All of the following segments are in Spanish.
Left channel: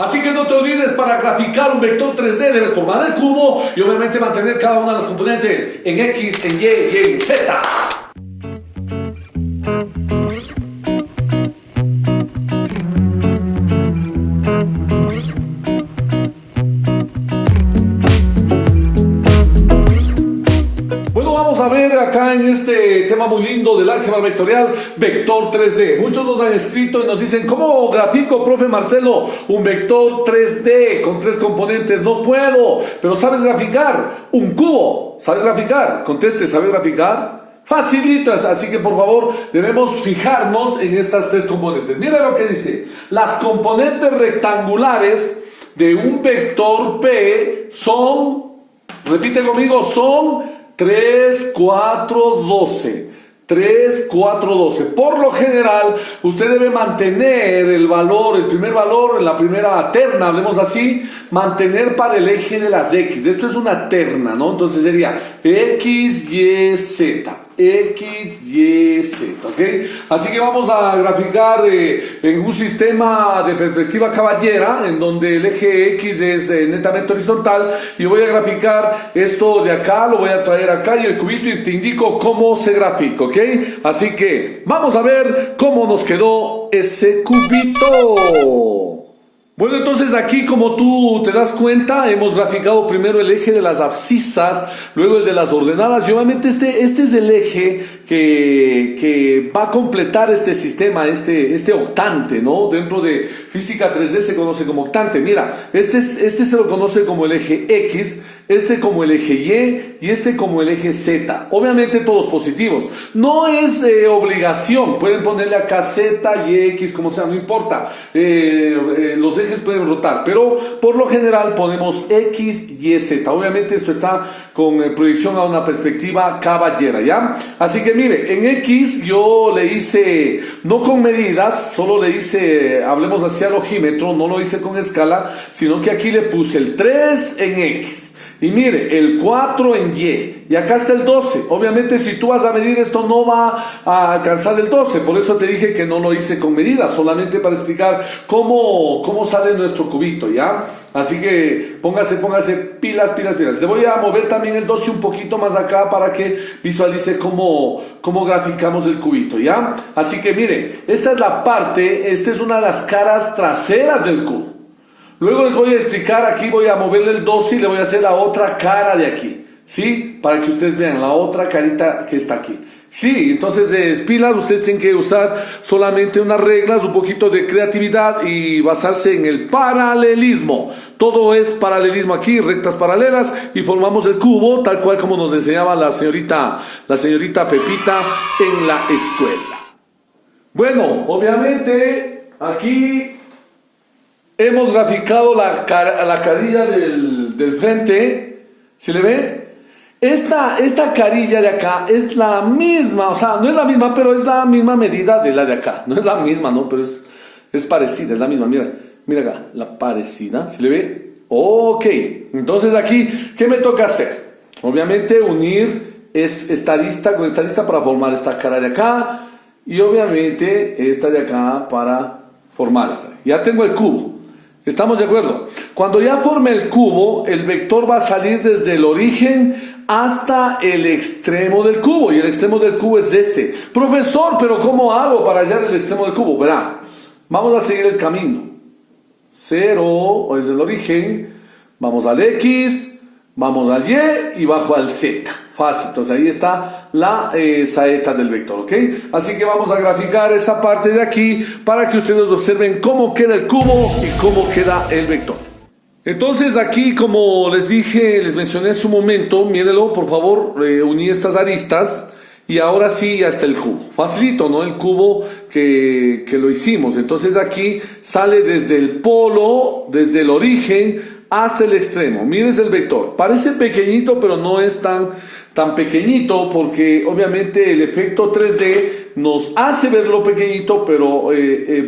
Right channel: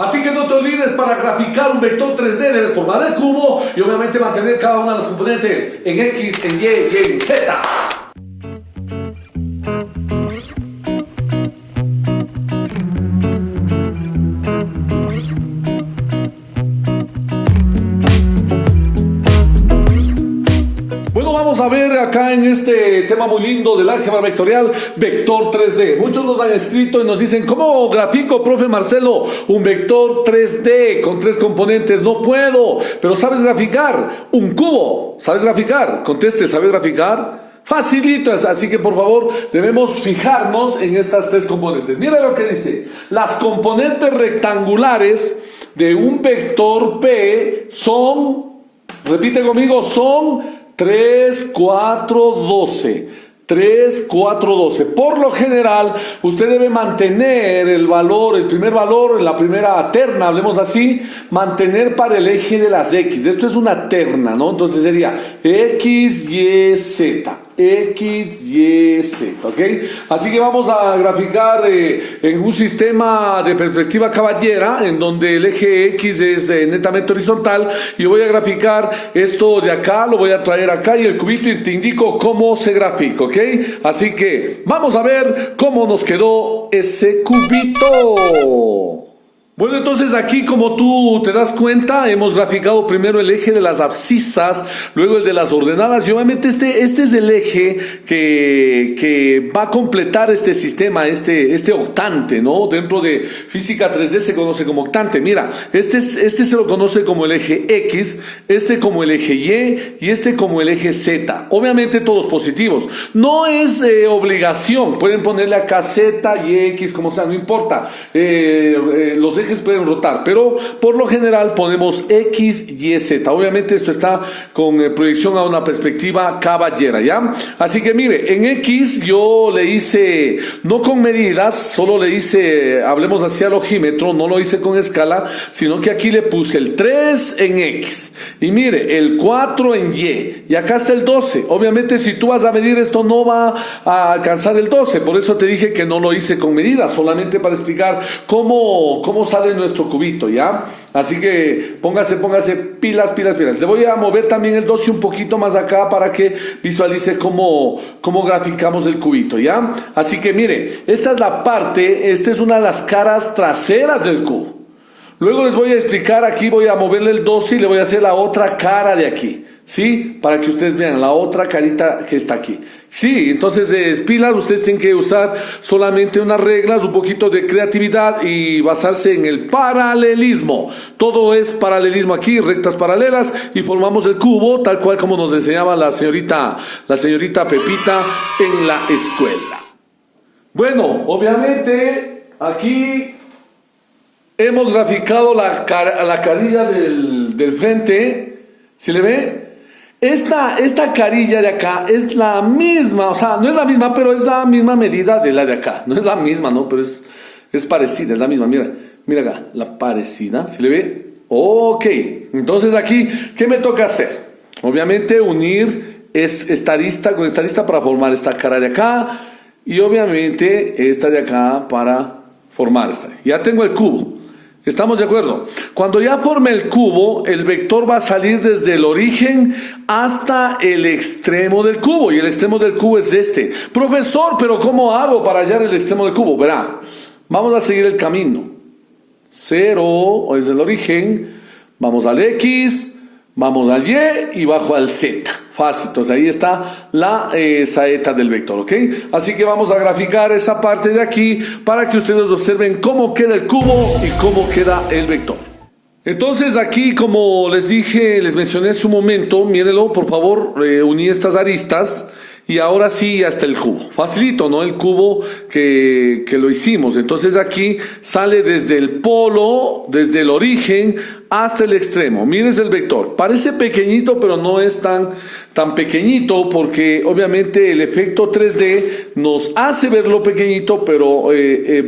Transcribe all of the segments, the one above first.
Así que no te olvides, para graficar un vector 3D debes formar el cubo y obviamente mantener cada una de las componentes en X, en Y y en Z. Bueno, vamos a ver acá en este tema muy lindo del álgebra vectorial, vector 3D. Muchos nos han escrito y nos dicen, ¿cómo grafico, profe Marcelo, un vector 3D con 3 componentes? No puedo, pero ¿sabes graficar un cubo? ¿Sabes graficar? Conteste, ¿sabes graficar? Facilitas, así que por favor debemos fijarnos en estas 3 componentes. Mira lo que dice, las componentes rectangulares de un vector P son, repite conmigo, son 3, 4, 12. 3, 4, 12. Por lo general, usted debe mantener el valor, el primer valor en la primera terna, hablemos así, mantener para el eje de las X. Esto es una terna, ¿no? Entonces sería X, Y, Z. X, Y, Z, ¿ok? Así que vamos a graficar en un sistema de perspectiva caballera, en donde el eje X es netamente horizontal, y voy a graficar esto de acá, lo voy a traer acá, y el cubito, y te indico cómo se grafica, ¿ok? Así que vamos a ver cómo nos quedó ese cubito. Bueno, entonces aquí, como tú te das cuenta, hemos graficado primero el eje de las abscisas, luego el de las ordenadas, y obviamente este es el eje que va a completar este sistema, este octante, ¿no? Dentro de física 3D se conoce como octante. Mira, este se lo conoce como el eje X, este como el eje Y y este como el eje Z. Obviamente todos positivos. No es obligación, pueden ponerle acá Z y X, como sea, no importa. Los ejes pueden rotar, pero por lo general ponemos X, Y, Z. Obviamente esto está con proyección a una perspectiva caballera, ¿ya? Así que mire, en X yo le hice, no con medidas, solo le hice, hablemos hacia el ojímetro, no lo hice con escala, sino que aquí le puse el 3 en X, y mire, el 4 en Y acá está el 12. Obviamente si tú vas a medir esto no va a alcanzar el 12, por eso te dije que no lo hice con medidas, solamente para explicar cómo sale nuestro cubito, ¿ya? Así que póngase pilas. Le voy a mover también el 12 un poquito más acá para que visualice cómo graficamos el cubito, ¿ya? Así que mire, esta es la parte, esta es una de las caras traseras del cubo. Luego les voy a explicar, aquí voy a moverle el 12 y le voy a hacer la otra cara de aquí, ¿sí? Para que ustedes vean la otra carita que está aquí. Sí, entonces pilas, ustedes tienen que usar solamente unas reglas, un poquito de creatividad y basarse en el paralelismo. Todo es paralelismo aquí, rectas paralelas, y formamos el cubo tal cual como nos enseñaba la señorita Pepita en la escuela. Bueno, obviamente aquí hemos graficado la carilla del frente, ¿se le ve? Esta carilla de acá es la misma, o sea, no es la misma, pero es la misma medida de la de acá. No es la misma, ¿no? Pero es parecida, es la misma. Mira acá, la parecida, ¿se le ve? Ok, entonces aquí, ¿qué me toca hacer? Obviamente unir esta arista con esta arista para formar esta cara de acá, y obviamente esta de acá para formar esta. Ya tengo el cubo. ¿Estamos de acuerdo? Cuando ya forme el cubo, el vector va a salir desde el origen hasta el extremo del cubo. Y el extremo del cubo es este. Profesor, ¿pero cómo hago para hallar el extremo del cubo? Verá, vamos a seguir el camino. 0, o es el origen. Vamos al X, vamos al Y y bajo al Z. Fácil, entonces ahí está la saeta del vector, ¿ok? Así que vamos a graficar esa parte de aquí para que ustedes observen cómo queda el cubo y cómo queda el vector. Entonces aquí, como les dije, les mencioné hace un momento, mírenlo, por favor, uní estas aristas y ahora sí ya está el cubo. Facilito, ¿no? El cubo que lo hicimos. Entonces aquí sale desde el polo, desde el origen hasta el extremo. Miren el vector. Parece pequeñito, pero no es tan pequeñito, porque obviamente el efecto 3D nos hace verlo pequeñito, pero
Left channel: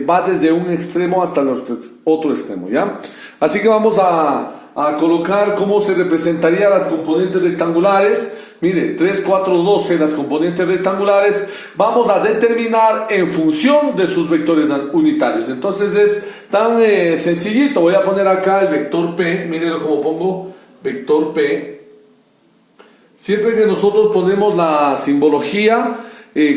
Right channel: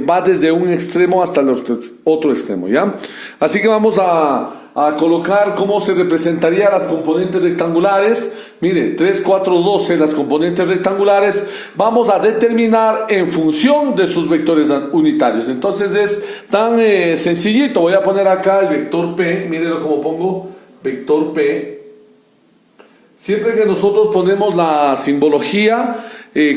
va desde un extremo hasta el otro extremo, ¿ya? Así que vamos a a colocar cómo se representaría las componentes rectangulares. Mire, 3, 4, 12 las componentes rectangulares, vamos a determinar en función de sus vectores unitarios. Entonces es tan sencillito. Voy a poner acá el vector P, mírenlo como pongo, vector P. Siempre que nosotros ponemos la simbología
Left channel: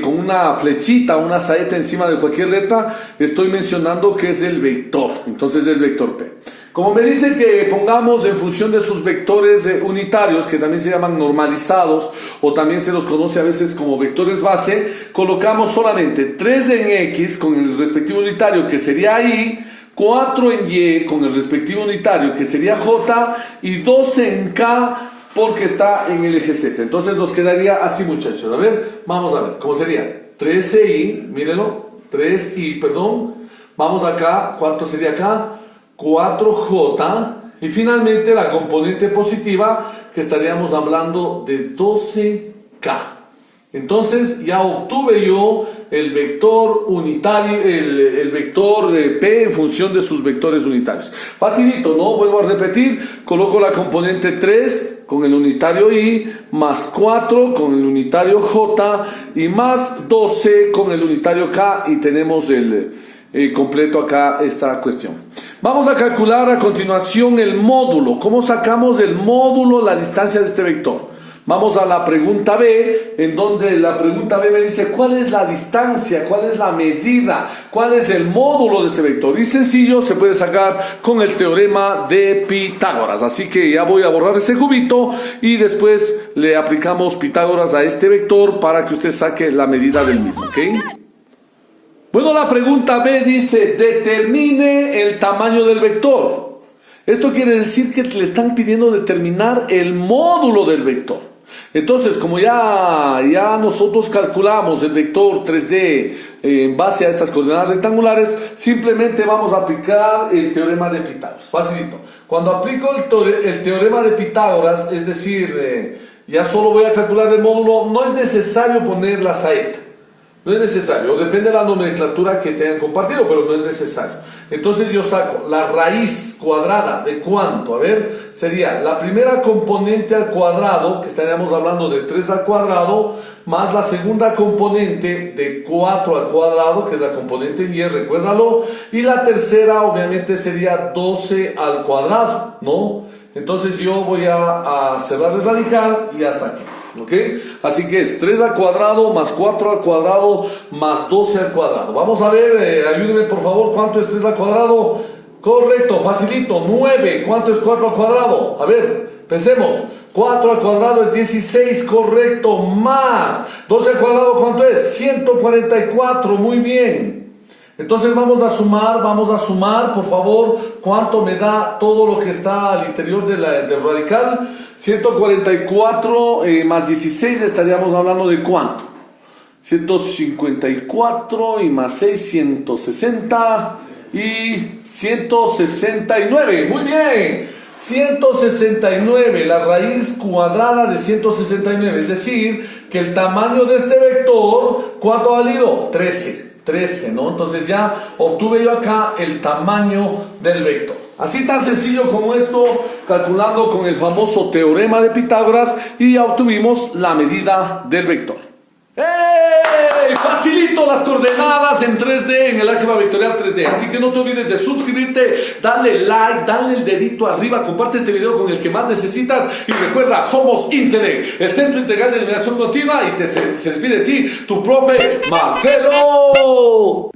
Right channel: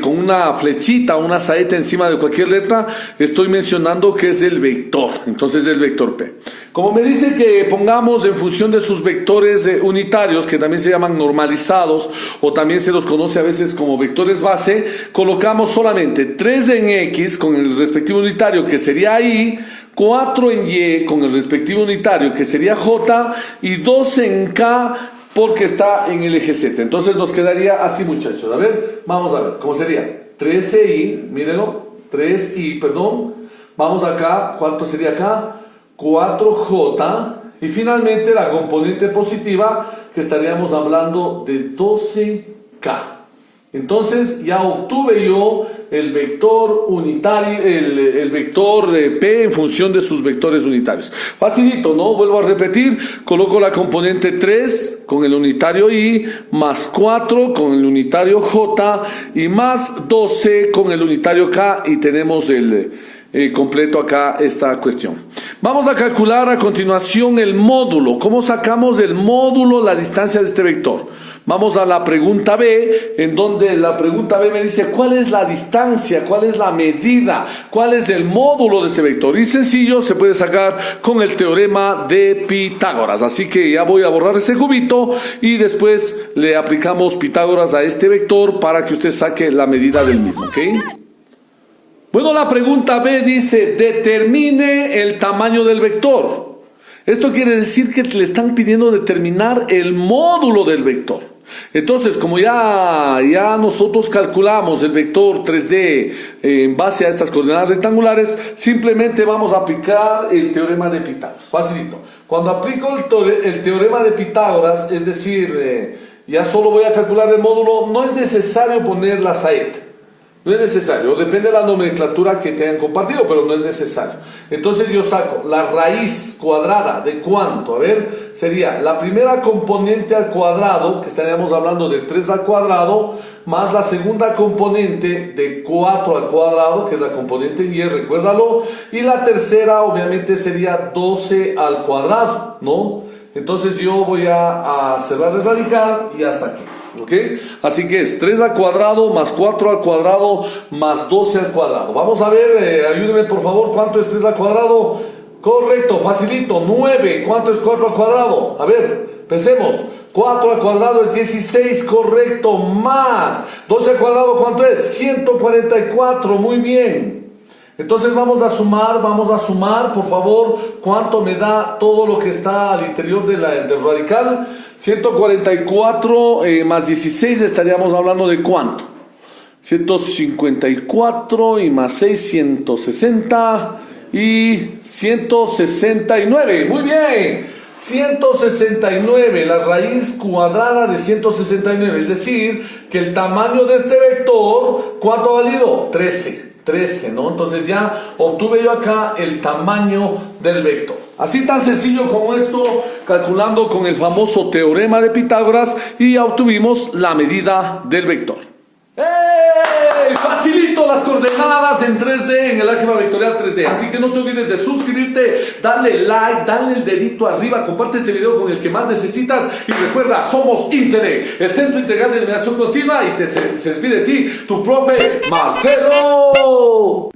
con una flechita, una saeta encima de cualquier letra, estoy mencionando que es el vector. Entonces el vector P. Como me dice que pongamos en función de sus vectores unitarios, que también se llaman normalizados, o también se los conoce a veces como vectores base, colocamos solamente 3 en X con el respectivo unitario, que sería Y, 4 en Y con el respectivo unitario, que sería J, y 2 en K, porque está en el eje Z. Entonces nos quedaría así, muchachos. A ver, vamos a ver, ¿cómo sería? 13Y, mírenlo, 3Y, perdón. Vamos acá, ¿cuánto sería acá? 4J, y finalmente la componente positiva, que estaríamos hablando de 12K. Entonces ya obtuve yo el vector unitario, el vector P en función de sus vectores unitarios. Facilito, ¿no? Vuelvo a repetir, coloco la componente 3 con el unitario Y, más 4 con el unitario J, y más 12 con el unitario K, y tenemos el completo acá esta cuestión. Vamos a calcular a continuación el módulo. ¿Cómo sacamos del módulo la distancia de este vector? Vamos a la pregunta B, en donde la pregunta B me dice cuál es la distancia, cuál es la medida, cuál es el módulo de ese vector. Y sencillo, se puede sacar con el teorema de Pitágoras. Así que ya voy a borrar ese cubito y después le aplicamos Pitágoras a este vector para que usted saque la medida del mismo, ¿ok? Bueno, la pregunta B dice, determine el tamaño del vector. Esto quiere decir que le están pidiendo determinar el módulo del vector. Entonces, como ya nosotros calculamos el vector 3D en base a estas coordenadas rectangulares, simplemente vamos a aplicar el teorema de Pitágoras. Facilito. Cuando aplico el teorema de Pitágoras, es decir, ya solo voy a calcular el módulo, no es necesario poner la saeta. No es necesario, depende de la nomenclatura que te hayan compartido, pero no es necesario. Entonces yo saco la raíz cuadrada de cuánto, a ver, sería la primera componente al cuadrado, que estaríamos hablando de 3 al cuadrado, más la segunda componente de 4 al cuadrado, que es la componente Y, recuérdalo, y la tercera obviamente sería 12 al cuadrado, ¿no? Entonces yo voy a cerrar el radical y hasta aquí. ¿Ok? Así que es 3 al cuadrado más 4 al cuadrado más 12 al cuadrado. Vamos a ver, ayúdenme por favor, ¿cuánto es 3 al cuadrado? Correcto, facilito, 9. ¿Cuánto es 4 al cuadrado? A ver, pensemos. 4 al cuadrado es 16, correcto, más 12 al cuadrado, ¿cuánto es? 144, muy bien. Entonces vamos a sumar, por favor, cuánto me da todo lo que está al interior del radical. 144 más 16, estaríamos hablando de cuánto. 154 y más 6, 160 y 169, muy bien. 169, la raíz cuadrada de 169, es decir, que el tamaño de este vector, ¿cuánto ha valido? 13, ¿no? Entonces ya obtuve yo acá el tamaño del vector. Así tan sencillo como esto, calculando con el famoso teorema de Pitágoras, y ya obtuvimos la medida del vector. ¡Hey! Facilito las coordenadas en 3D, en el álgebra vectorial 3D. Así que no te olvides de suscribirte, darle like, darle el dedito arriba, comparte este video con el que más necesitas. Y recuerda, somos Intelec, el Centro Integral de Eliminación Continua, y se despide de ti, tu profe Marcelo.